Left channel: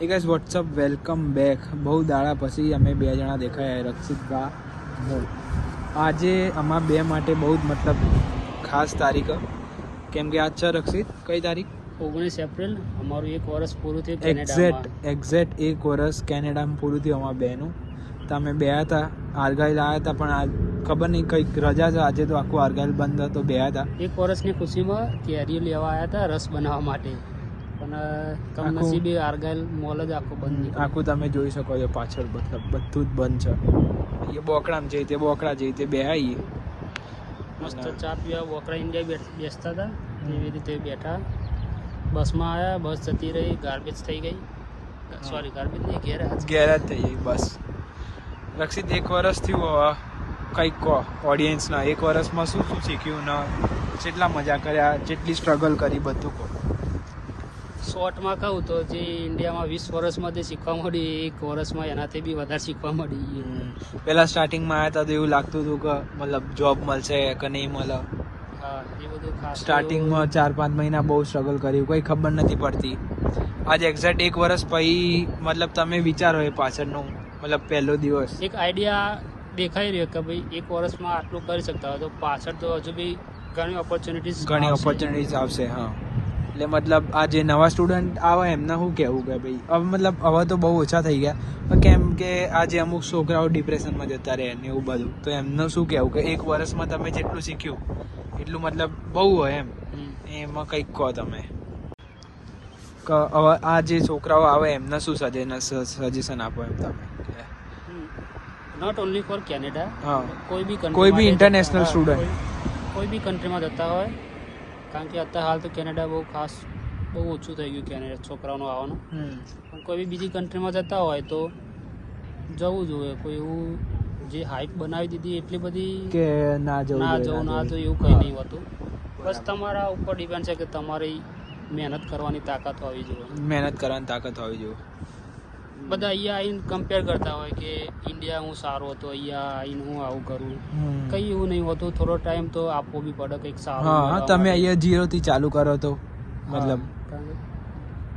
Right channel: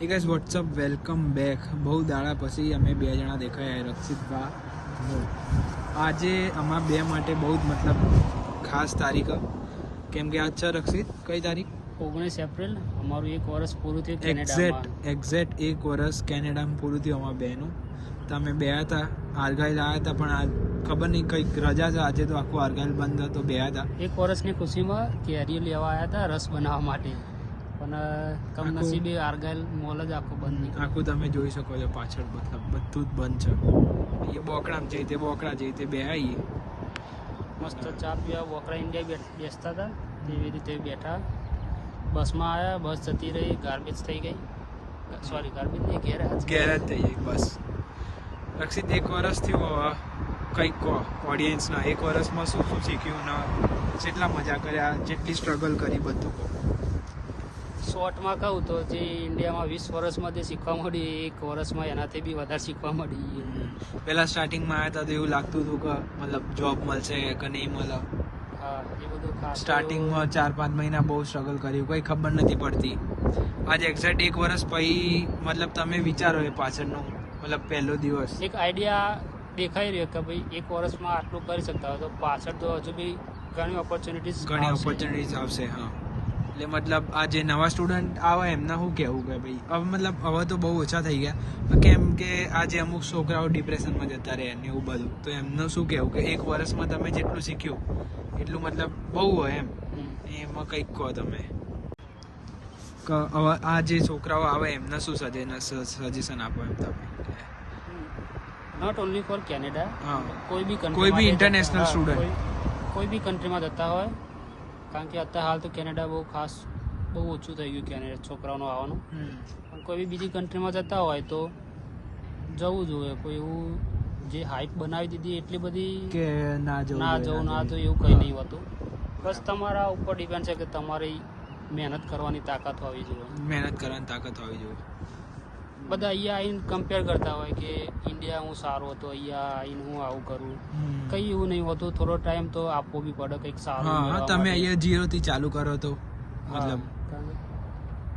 એ guys WhatsApp welcome back. બહુ દાડા પછી અમે બે જણા દેખાયા, રક્ષિતભા હું. આજે અમારા બે માટે બહુ જ મતલબ ખાસ તારીખ, કેમ કે આજ છે રક્ષિત કઈ તારીખ? 19 એપ્રિલ. અમારું 1 વર્ષ પૂરું થયું કેનેડામાં. એક્ઝેક્ટ 1 વર્ષ કેનેડામાં પૂરું થયું અમારા બેનું. તો અમે બે હતા, આર્ગાઇલ આવ્યા હતા, પણ આ ખબર નહીં કંઈક રજા છે આજે, તો આખું આર્ગાઇલ બંધ હતો. બે હતા 1 વર્ષની ખુશીમાં કેરીઓ લેવા આવ્યા હતા રસ બનાવવા માટે, પણ કમનસીબે આર્ગાઇલ મોલ જ આખું બંધ નીકળ્યું. આખું તમે જોઈ શકો છો પાછળ, મતલબ બધું જ બંધ છે. એ બોકડામાં જઈ તે બોકડા જઈ તે બે આવીએ મસ્ત ચા પીવા બોકડા ઇન્ડિયા બેસતા હતા એવી રીતે બેઠા. બસમાં આવ્યા, બસ જતી રહી, ગાર્બેજ થઈ ગઈ. સોરી ગાર્બેજ નહીં, ઘેર જ થઈ ગઈ બસ. રક્ષિત 1 વર્ષ થયું, કંઈક કહો ઓડિયન્સના 1 વર્ષમાં શું શું શીખ્યું ને જેટલા મજા કર્યા, જેટલી સ્ટ્રગલ કરી, બધું કહો. શોર્ટમાં કહું તો જે ઇન્ડિયામાં 20 વર્ષમાં જે શીખવા મળી, 1 વર્ષમાં એનાથી બી વધારે શીખવા મળી. પહેલા સ્ટાર્ટિંગમાં આવ્યા હતા તો એવું લાગતું હતું કે મતલબ જોબ મળશે કે નહીં મળે. હા, એ બધું સ્ટાર્ટિંગમાં 4-5 મહિના બહુ સ્ટ્રગલ કર્યું, કંઈ ખબર નથી પડતી. આજે એક્ઝેક્ટ 1 વર્ષ પછી મતલબ તમે વિચારો એ પાછળનું મતલબ પહેલો દિવસ એક આઈડિયા દેખાઈ રહ્યો કે ભાઈ 1 વર્ષમાં આટલું કરી શકતા હોય તો પાછળ તો હજુ બી ઘણી ઓપોર્ચ્યુનિટીઝ આવશે. હા, એટલે મતલબ આ જે નવા સ્ટુડન્ટ આવે એમને શું કહેવું કે ભાઈ હવે મતલબ હવે તો બહુ ઓછા થઈ ગયા, કેમ કે આજે અમુક છોકરાઓ ડિપ્રેશનમાં જતા રહે ને એવું બધું, તો એમનું શું કહેવું કે 1 વર્ષમાં તમે જેટલું શીખ્યું એટલું મતલબ બહુ હોય એમાં કંઈક કહો તમે. હવે આ જે છોકરાઓ આવે એમને શું સજેશન આપો એમ તમે? નોટ ઓનલી ફોર કેનેડા, કોઈ બી ઇન્ટરનેશનલ સ્ટુડન્ટ કોઈ બી કન્ટ્રીમાં જતા હોય, કારણ કે અત્યારે હાલ તો કેનેડા બહુ ખાસ બહુ ઓછું થઈ ગયું કેનેડા છોકરાઓનું આવવાનું. પણ કોઈ બી બીજી કન્ટ્રીમાં જતા હોય તો જવું જોઈએ. કોઈ એવું જે હાઈપ બનાવી દીધી એટલી બધી કે ના જવું એવું કંઈ નહીં હોતું. બસ તમારા ઉપર ડિપેન્ડ છે કે તમારી મહેનત કરવાની તાકાત હોવી જોઈએ. બધા અહીંયા આવીને કમ્પેર કરતા હોય કે ઇન્ડિયા હું સારો હતો, અહીંયા આવીને હું આવું કરું. કંઈ એવું નહીં હોતું. થોડો ટાઈમ તો આપવો બી પડે કંઈક સારું. હા, તમે અહીંયા 0 થી ચાલુ કરો તો મતલબ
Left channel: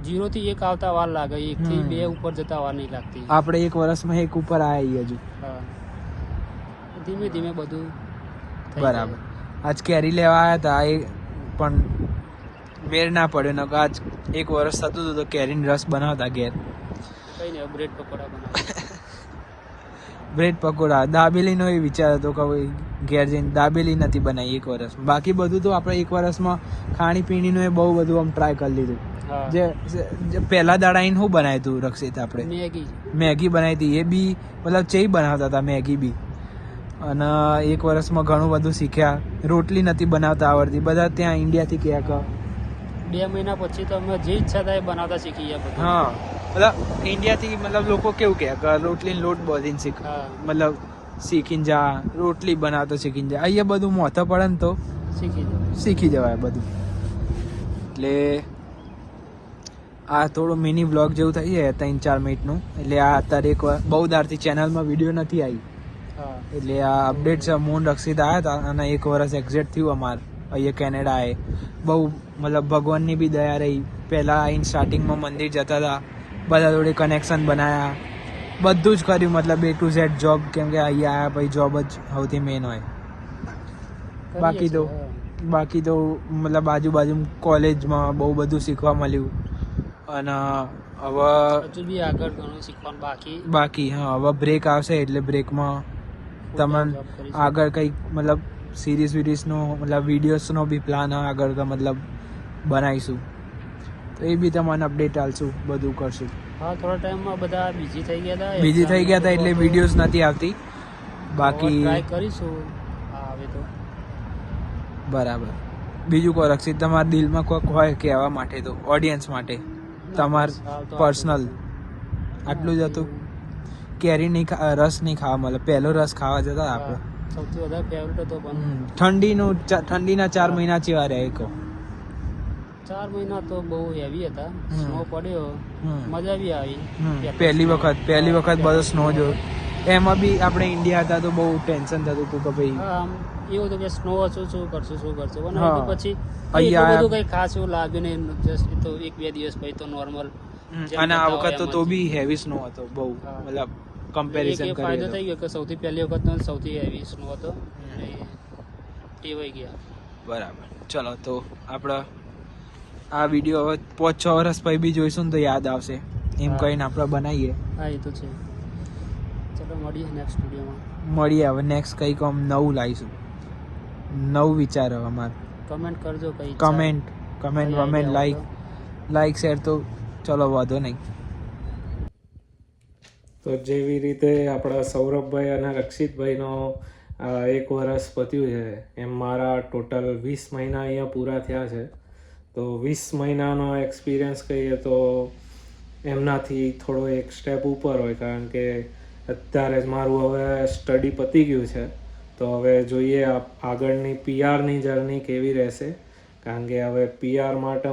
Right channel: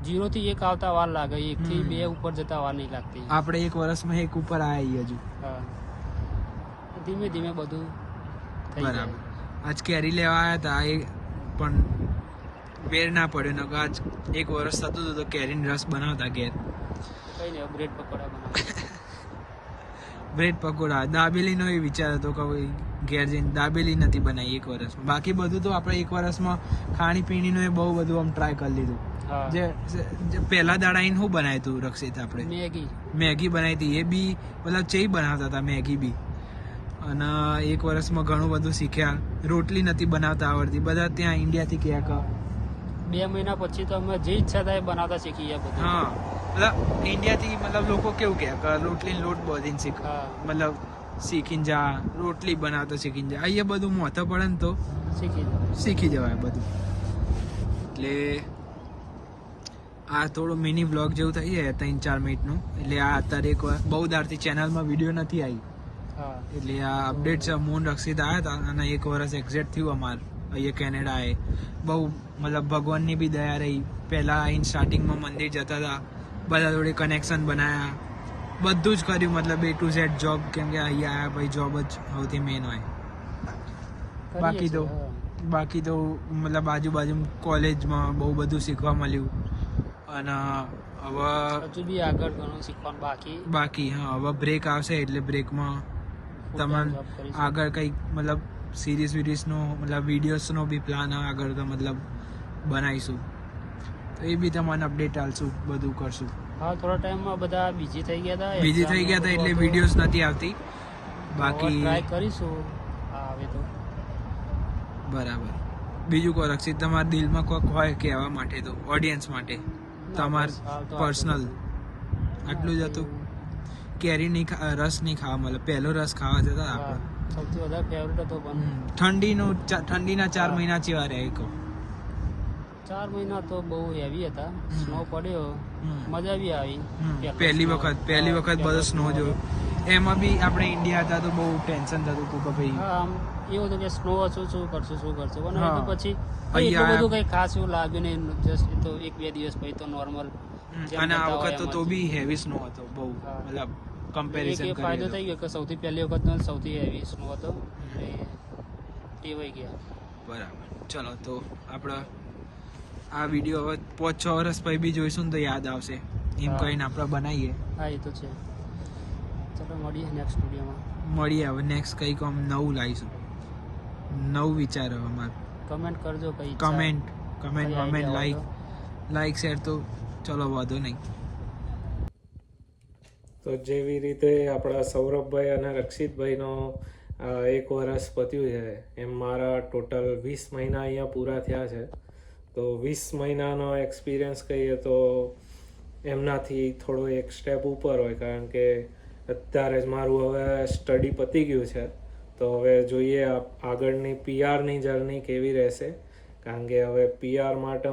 0 થી 1 આવતા વાર લાગે, 1 થી 2 ઉપર જતા વાર નહીં લાગતી. આપણે 1 વર્ષમાં 1 ઉપર આવ્યા હજુ. હા, ધીમે ધીમે બધું બરાબર. આજ કેરી લેવા આવ્યા હતા, એ પણ મેળ ના પડ્યો ને આજ 1 વર્ષ થતું હતું તો કેરીનો રસ બનાવતા ઘેર. કઈ નહીં, બ્રેડ પકોડા બનાવતા. બ્રેડ પકોડા, દાબેલીનો એ વિચાર હતો કે ઘેર જઈને દાબેલી નથી બનાવી 1 વર્ષમાં. બાકી બધું તો આપણે 1 વર્ષમાં ખાણીપીણીનું એ બહુ બધું આમ ટ્રાય કરી લીધું. જે પહેલા દાડા આવીને શું બનાવ્યું હતું રક્ષિત? આપણે મેગી બનાવી હતી, એ બી મતલબ ચેઈ બનાવતા હતા મેગી બી. અને 1 વર્ષમાં ઘણું બધું શીખ્યા. રોટલી નથી બનાવતા આવડતી, બધા ત્યાં ઇન્ડિયાથી કહે કે 2 મહિના પછી તો અમે જે ઈચ્છા થાય બનાવતા શીખી ગયા બધું. હા, મતલબ ઇન્ડિયાથી મતલબ લોકો કેવું કહે કે રોટલીનો લોટ બધીને મતલબ શીખીને જા, રોટલી બનાવતા શીખીને જા. અહીંયા બધું મોથા પડે ને તો શીખી જવાય બધું. એટલે આ થોડું મિની વ્લોગ જેવું થઈ જાય 3-4 મિનિટનું. એટલે આ અત્યારે એક બહુ દારથી ચેનલમાં વિડીયો નથી આવી, એટલે આ અપડેટ છે. મોન રક્ષિત આવ્યા હતા અને 1 વર્ષ એક્ઝેક્ટ થયું અમારે અહીંયા કેનેડા. એ બહુ મતલબ ભગવાનની બી દયા રહી. પહેલાં આવીને સ્ટાર્ટિંગમાં મંદિર જતા હતા, બધા જોડે કનેક્શન બનાવ્યા, બધું જ કર્યું મતલબ A to Z જોબ, કેમ કે અહીંયા આવ્યા પછી જોબ જ સૌથી મેન હોય. બાકી તો મતલબ આજુબાજુ કોલેજમાં બહુ બધું શીખવા મળ્યું. અને હવે હજુ બી આગળ ઘણું શીખવાનું બાકી. હા, હવે બ્રેક આવશે એટલે બ્રેકમાં તમારે આગળ કંઈક મતલબ સિરીઝનો મતલબ વિડીયોઝનો બી પ્લાન આગળ તો મતલબ બનાવીશું, તો એ બી તમને અપડેટ આલશું, બધું કરશું. હા, થોડા ટાઈમમાં બધા બિઝી થઈ ગયા હતા એટલે વિડીયોઝ નથી આવતી. બાકી ટ્રાય કરીશું આવે તો. બરાબર. બીજું કોઈ રક્ષિત તમારા દિલમાં કોઈક હોય કહેવા માટે, તો ઓડિયન્સ માટે તમાર પર્સનલ આટલું જ હતું? કેરી નહીં રસ નહીં ખાવા મળે, પહેલો રસ ખાવા જતા આપણે. સૌથી વધારે ફેવરેટ હતો. ઠંડીના 4 મહિના ચેવા રહે કહો? 4 મહિના તો બહુ હેવી હતા. સ્નો પડ્યો, મજા બી આવી. પહેલી વખત બધો સ્નો જોયો. એમાં બી આપણે ઇન્ડિયા હતા તો બહુ ટેન્શન થતું હતું કે ભાઈ આમ એવું હતું કે સ્નો હશું, શું કરશું. અને પછી એટલું બધું કઈ ખાસ એવું લાગ્યું નહીં. જસ્ટ તો 1-2 દિવસ પછી તો નોર્મલ અને આ વખત તો બી હેવી સ્નો હતો બહુ, હા. મતલબ કમ્પેરિઝન એક ફાયદો કરીએ થઈ ગયો કે સૌથી પહેલી વખત સૌથી હેવી સ્નો હતો એટલે ટેવાઈ ગયા. બરાબર. ચલો તો આપણે આ વિડીયો હવે 5-6 વર્ષ પછી બી જોઈશું ને તો યાદ આવશે એમ હા. કહીને આપણે બનાવીએ. હા એ તો છે. ચલો મળીએ નેક્સ્ટ વિડીયોમાં. મળીએ હવે નેક્સ્ટ કંઈક આમ નવું લાવીશું, નવું વિચાર હવે અમારે. કમેન્ટ કરજો કઈ કમેન્ટ કઈ વમેન્ટ idea હોય લાઈક શેર તો ચલો વાંધો નહીં. તો જેવી રીતે આપણા સૌરભભાઈ અને રક્ષિતભાઈનો 1 વર્ષ પત્યું છે એમ મારા ટોટલ 20 મહિના અહીંયા પૂરા થયા છે. તો 20 મહિનાનો એક્સપિરિયન્સ કહીએ તો એમનાથી થોડો એક સ્ટેપ ઉપર હોય, કારણ કે અત્યારે જ મારું હવે સ્ટડી પતી ગયું છે. તો હવે જોઈએ આગળની પીઆરની જર્ની કેવી રહેશે, કારણ કે હવે પીઆર માટે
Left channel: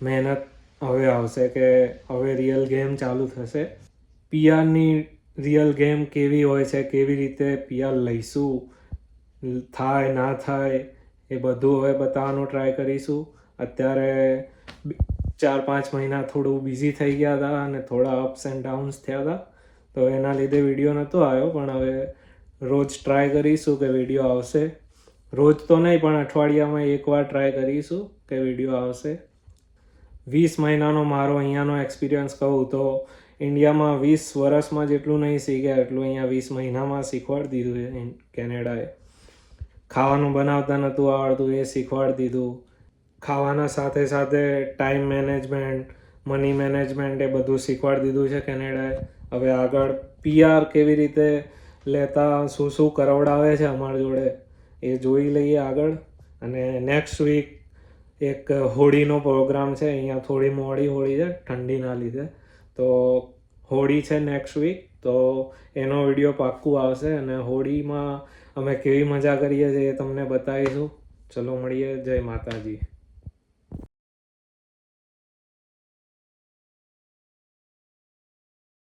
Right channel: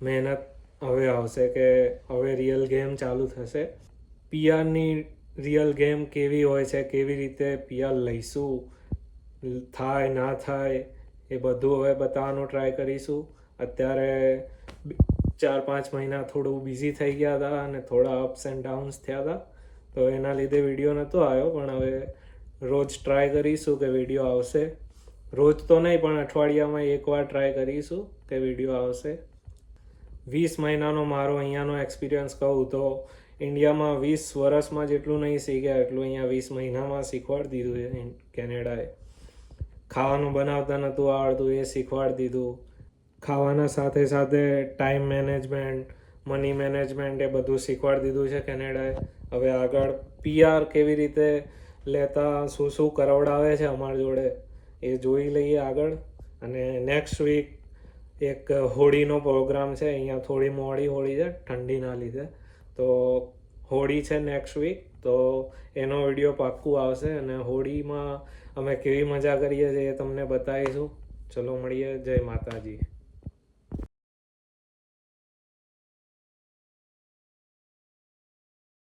મહેનત હવે આવશે કે હવે રિયલ ગેમ ચાલુ થશે. પીઆરની રિયલ ગેમ કેવી હોય છે, કેવી રીતે પીઆર લઈશું, થાય ના થાય એ બધું હવે બતાવવાનું ટ્રાય કરીશું. અત્યારે 4-5 મહિના થોડું બિઝી થઈ ગયા હતા અને થોડા અપ્સ એન્ડ ડાઉન્સ થયા હતા, તો એના લીધે વિડીયો નહોતો આવ્યો. પણ હવે રોજ ટ્રાય કરીશું કે વિડીયો આવશે. રોજ તો નહીં પણ અઠવાડિયામાં એકવાર ટ્રાય કરીશું કે વિડીયો આવશે. 20 મહિનાનો મારો અહીંયાનો એક્સપિરિયન્સ કહું તો ઇન્ડિયામાં 20 વર્ષમાં જેટલું નહીં શીખ્યા એટલું અહીંયા 20 મહિનામાં શીખવાડી દીધું છે કેનેડાએ. ખાવાનું બનાવતા નહોતું આવડતું એ શીખવાડી દીધું. ખાવાના સાથે સાથે ટાઈમ મેનેજમેન્ટ, મની મેનેજમેન્ટ એ બધું શીખવાડી દીધું છે કેનેડાએ. હવે આગળ પીઆર કેવી રીતે લેતા, શું શું કરાવડાવે છે અમારી જોડે એ જોઈ લઈએ આગળ. અને નેક્સ્ટ વીક એક હોળીનો પ્રોગ્રામ છે. અહીંયા થોડી મોડી હોળી છે ઠંડીના લીધે, તો હોળી છે નેક્સ્ટ વીક, તો એનો વિડીયો પાક્કું આવશે અને હોળીમાં અમે કેવી મજા કરીએ છીએ એ તમને બતાવીશું. ચલો મળીએ. જય માતાજી.